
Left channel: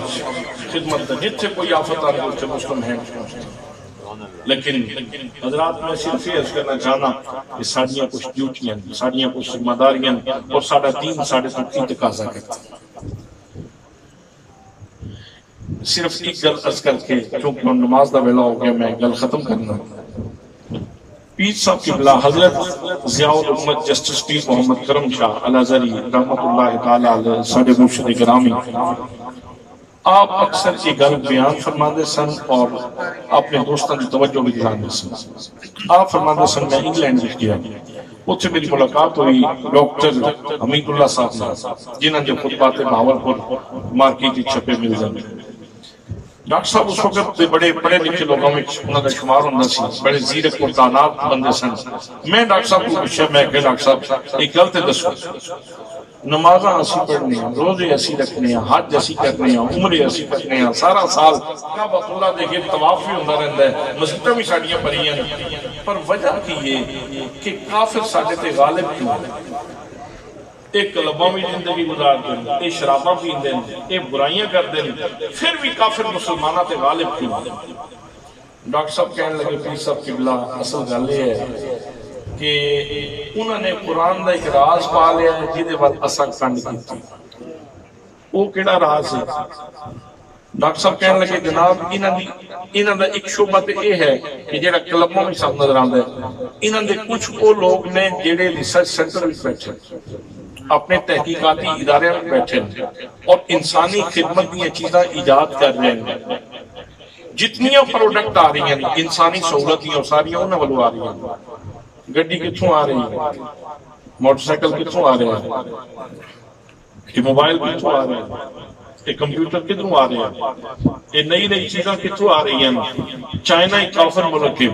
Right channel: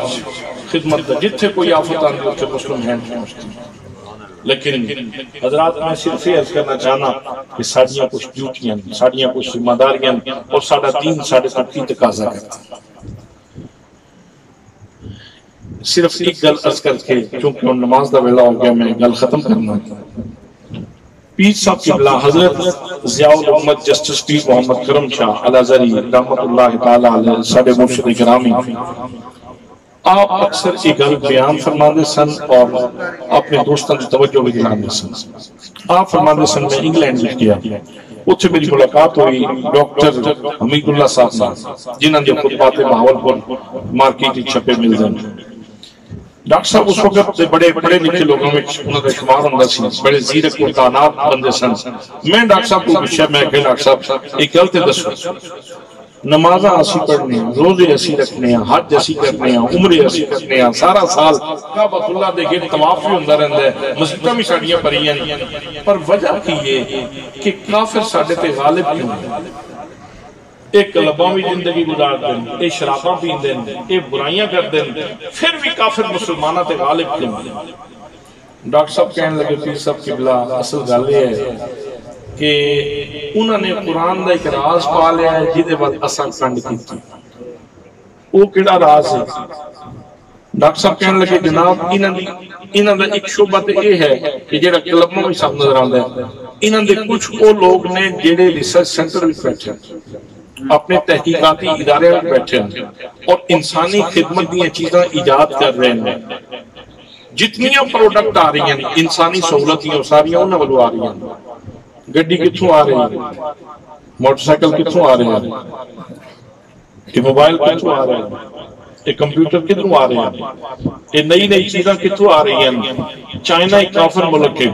خدمت دا جتھے کوئی آفت آنے اتنے مسلم ہینڈز پہنچتے ہیں. لیکن حضرات میں صرف یہ عرض کرنا چاہنا کہ ساڑیاں کچھ ڈیوٹیاں ساڑیاں کچھ ذمہ داریاں اور ساڑا دین ساڑے تک کی تقاضا کرتا ہے. صرف ایک گل عرض کر کے چونکہ نماز دا ویلا ہو گیا میں گل ختم کرنا. پیر صاحب قبلہ حضرت ضیاء الامت جسٹس پیر محمد کرم شاہ الازہری رحمت اللہ تعالی علیہ ساڑے مرشد گرامی آپ اکثر یہ گل بیان فرماندے سن اور اپنے دوستان کی توجہ بھی دلاندے سن. آپ فرماندے سن میں انگلینڈ میں گیا اتھے میری ملاقات ہوئی ڈاکٹر حمید اللہ صاحب نے جنہاں دے خطبات بہاولپور مارکیٹ چھپے مل جائیں. ڈاکٹر صاحب اس وقت بڑے پڑھے لکھے لوگوں میں انہوں نے شمار ہوں سی بڑے زیرک و تعینات بندے سن. میں ڈاکٹر صاحب کو پوچھا میں کہ ڈاکٹر صاحب ایک گل تے دسو نمازاں اسی پڑھنے ہیں روزے اسی رکھنے ہیں حج اسی کرنے ہیں عمرے اسی کرنے ہیں سارا سال کعبۃ اللہ دے گرد طواف بھی ہوندا رہندا ہے مسجداں بھی ساڈیاں بھریاں پر وجہ کی یہ کہ کافر ساڈے تے غالب کیوں ہیں. ایک کلباں بھی زندگی گزار دیں ایک شراباں پین دیں ایک برائیاں کر دیں پھر بھی کافر مسلمانہ تے غالب کیوں ہیں. ڈاکٹر صاحب کہنے لگے پیر صاحب قبلہ اصل گل یہ ہے کہ انہوں نے قرآن دا ایک راز پا لیا ہے جیدے بعد اساں کنڈ کی تھی. وہ کیڑا راز ہے؟ ڈاکٹر صاحب کہنے لگے جناب انہوں نے انہاں دا ایک شعبہ تے یہ ہے کہ جڑا کلبوں میں سب نظر آندا ہے، انہاں دے کچھ وہ لوگ نے جڑے ریسرچ سینٹر وچ بیٹھے اپنے تحقیقاتی ادارے میں بیٹھے اور انسانی خدمت دیا چیزاں ایجاد کر رہے ہیں. جتنیاں پروڈکٹ آ رہی ہیں انسانی سہولتیں ساریاں انہاں والوں آ رہی ہیں. گڈی کتھوں آ رہی ہے، موٹر سائیکل کتھوں آ رہے ہیں، یہ موبائل کتھوں آ رہے ہیں، یہ کمپیوٹر کتھوں آ رہے ہیں، یہ نئی نئی چیزاں کتھوں آ رہی ہیں. چائنا ایک کافر ملک ہے،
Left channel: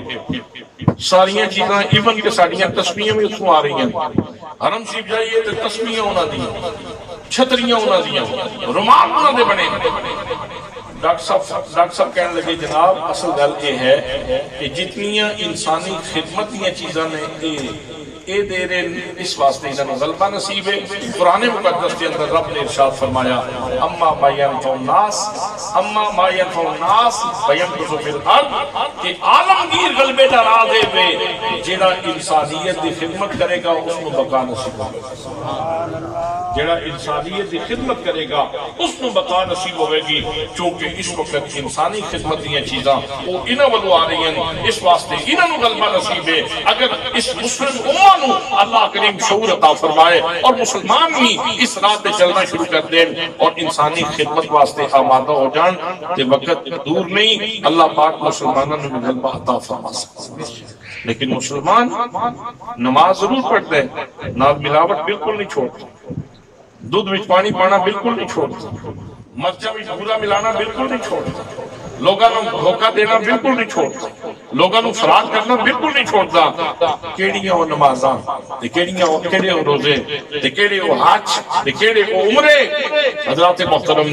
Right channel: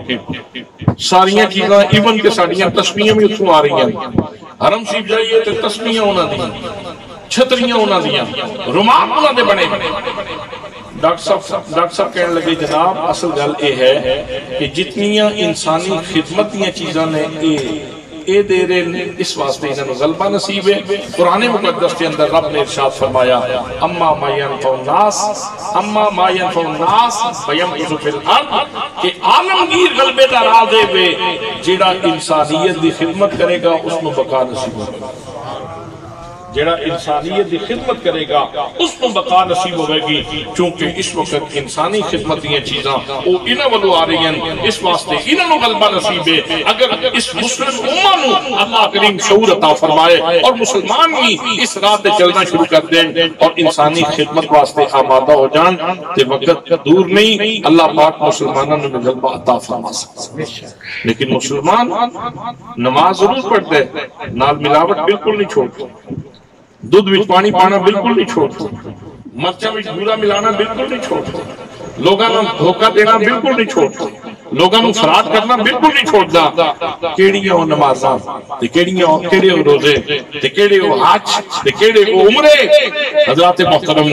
ساریاں چیزاں ایون کہ ساڑیاں تسبیحاں بھی اتھوں آ رہی ہیں. حرم شریف جائیے تو تسبیحاں انہاں دیاں، چھتریاں انہاں دیاں، رومال انہاں دے بنے. ڈاکٹر صاحب کہنے لگے جناب اصل گل یہ ہے کہ جتنیاں انسانی خدمت دیا چیزاں نے اے دے رہے اس واسطے انہوں غلبہ نصیب ہے. قرآن مقدس کے اندر رب نے ارشاد فرمایا اما ما ينفع الناس فيمكث في الارض کہ عالمگیر غلبے دا راہ دے وے جڑا انسانیت دی خدمت کرے گا اس کو بقا نصیب ہوگا. جڑا انسانیت دی خدمت کرے گا اس کو بقا نصیب ہوئے گی. چونکہ اس وقت انسانی خدمت دیا چیزاں وہ انہاں والوں آ رہی ہیں، اس واسطے انہاں نو غلبہ نصیب ہے. اگر اس مسلم امہ نو اللہ کریم شعور عطا فرمائے اور مسلمان بھی اس راہ تے چلنا شروع کر دیں اور انسانی خدمت واسطے آمادہ ہو جان تے وقت دور نہیں اللہ پاک مسلمانوں نے غلبہ عطا فرما سکتا. لیکن مسلمان نماز ضرور پڑھتے نال ملاوٹ بالکل نہیں چھوڑتے، دودھ وچ پانی پانا بالکل نہیں چھوڑتا، مرچا وچ بھورا ملانا بالکل نہیں چھوڑتا، لوگاں نوں دھوکا دینا بالکل نہیں چھوڑتا، لوگاں نوں فراڈ کرنا بالکل نہیں چھوڑتا. کیڑیاں او نمازاں تے کیڑیاں او کیڑے او روزے تے کیڑے او حج تے کیڑے او عمرے. حضرات محترم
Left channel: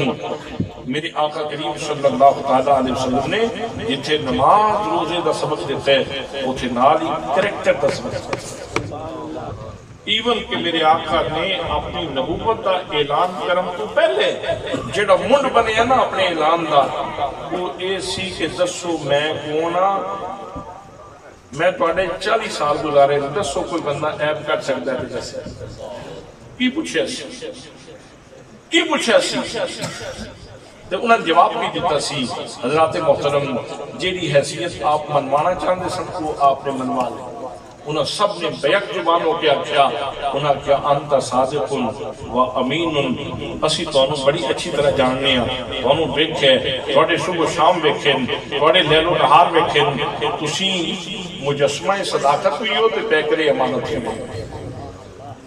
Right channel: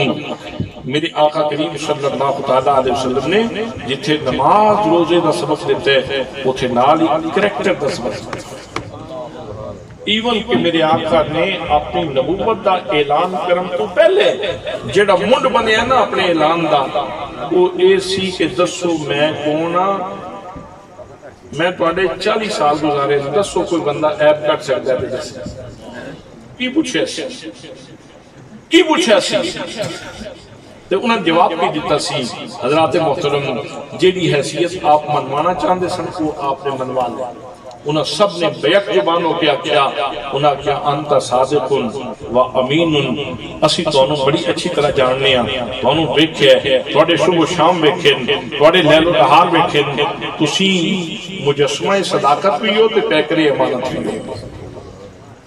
میرے آقا کریم صلی اللہ تعالی علیہ وسلم نے جتھے نماز روزے دا سبق دیتا ہے اوتھے نال ہی کریکٹر دا سبق دیتا ہے. ایون کہ میرے آقا نے اپنی نبوت دا اعلان کرن تو پہلے جڑا منڈ بنیا نا اپنے اعلان دا وہ اے سی کہ دسو میں کونا میں تواڈے 40 سال گزارے دسو کوئی بندہ ایپ کٹ سکتا ہے تے دسے کی پوچھیا سی تے انہاں جواب کی دیتا سی. حضرات محترم جیڑی حیثیت آپ منوانا چاہتے سن کو آپ نے منوا لیا. انہاں سب نے بیک زبان ہو کے آکھیا انہاں کیا انت صادق و امین اسی تانوں بڑی اچھی طرح جاننے ہاں، تانوں ویکھیا تواڈے صبح و شام ویکھے تواڈے لیل و نہار ویکھے تسی مجسمہ صداقت بھی ہو تے پیکر امانت بھی ہو.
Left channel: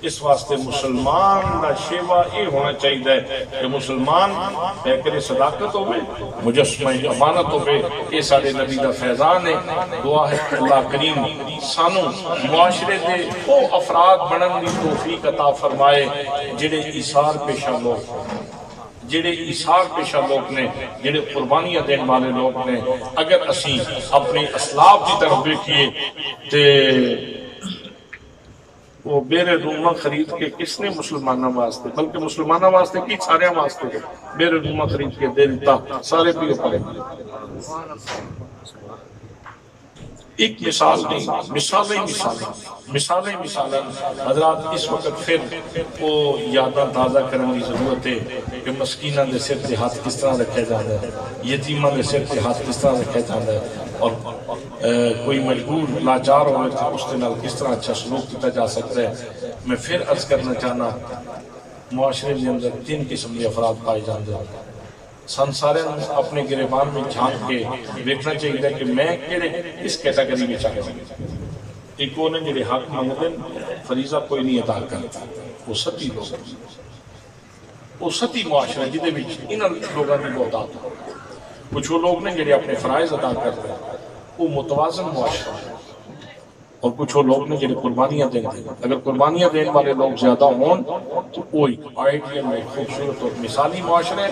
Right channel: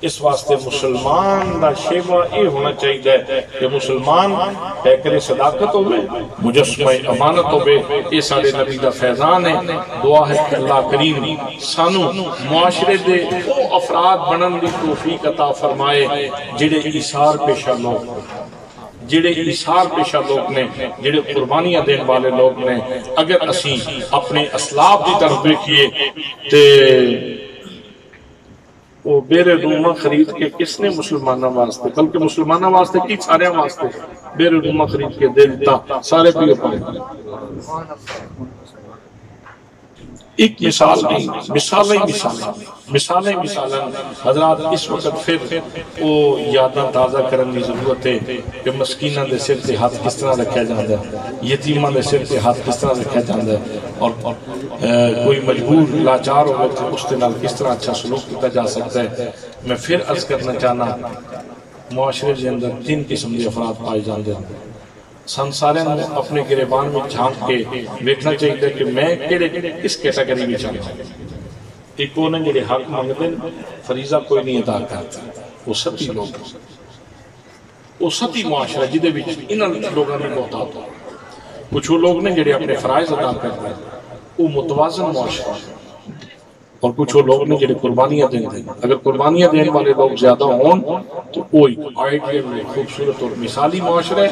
اس واسطے مسلمان دا شیوا یہ ہونا چاہیے کہ مسلمان پیکر صداقت ہوئے مجسمہ امانت ہوئے. یہ سارے نبی دا فیضان ہے. دعا ہے کہ اللہ کریم سانو معاشرے دے او افراد بنن دی توفیق عطا فرمائے جڑے ایثار پیشہ لوگ نے جڑے قربانیاں دین والے لوگ نے. اگر اسی اپنے اسلاف دی طرف دیکھیے تے وہ بیرے رومہ خرید کے کس نے مسلمانہ واسطے بلکہ مسلمانہ واسطے کی سارے واسطے بیرے رومہ خرید کے دے دیتا سارے پیے پڑے. ایک مثال نہیں مثالیں حضرات اس وقت پھر وہ یاداں تازہ کرنے کی ضرورت ہے کہ مسکینہ دے سر تے ہاتھ کس طرح رکھا جاتا ہے، یتیمہ دے سر تے ہاتھ کس طرح رکھا جاتا ہے، اور کوئی مجبور لاچار ہوئے تو اس کے نال کس طرح اچھا سلوک کیتا جا سکتا ہے. میں پھر عرض کرنا چاہنا معاشرے کے اندر 3 قسم کے افراد پائے جاتے ہیں. سارے اپنے گریبان میں جھانک کے دیکھنا چاہیے کہ میں کس کیٹیگری میں چاہتا ہوں. ایک وہ نے جڑے حق منگتے فریضہ کوئی نہیں ادا کرتا، وہ ستی لوگ وہ ستی معاشرہ جدے بھی انہاں لوگوں نے محتاط ہو. کچھ وہ لوگ نے جڑے اپنے فرائض ادا کرتے ہیں وہ متوازن معاشرہ، اور کچھ وہ لوگ نے جڑے قربانیاں دیں دیں. اگر قربانیاں دین والے لوگ زیادہ ہون تو کوئی آئیڈیل میں خوبصورت اور مثالی معاشرہ.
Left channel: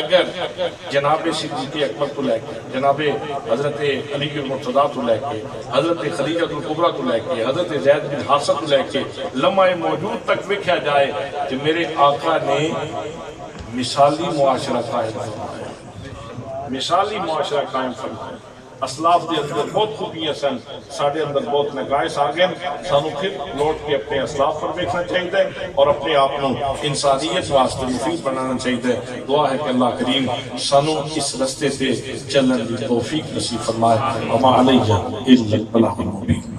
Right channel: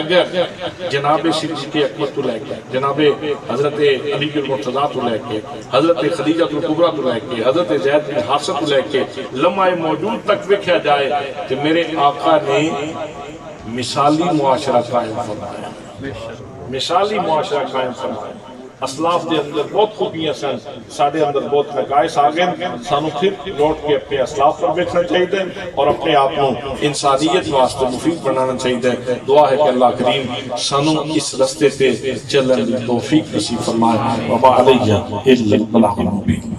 اگر جناب صدیق اکبر تو لے کے جناب حضرت علی المرتضیٰ تو لے کے حضرت خدیجہ الکبریٰ تو لے کے حضرت زید بن حارثہ تو لے کے لمحہ موجود تک ویکھیا جائے کہ میرے آقا نے مثالی معاشرہ قائم فرمایا، مثالی معاشرہ قائم فرمایا. اسلاف دے اندر بہت خوبیاں سن، ساڑھے اندر بہت نقائص آ گئے، سانو پھر لوٹ کے اپنے اسلاف پر دیکھنا چاہیے اور اپنے آپ کو انسانیت واسطے مفید بنانا چاہیے۔ دعا ہے کہ اللہ کریم سانو اس رستے سے چلن دی توفیق نصیب فرمائے۔ وما علیہ الا البلاغ المبین۔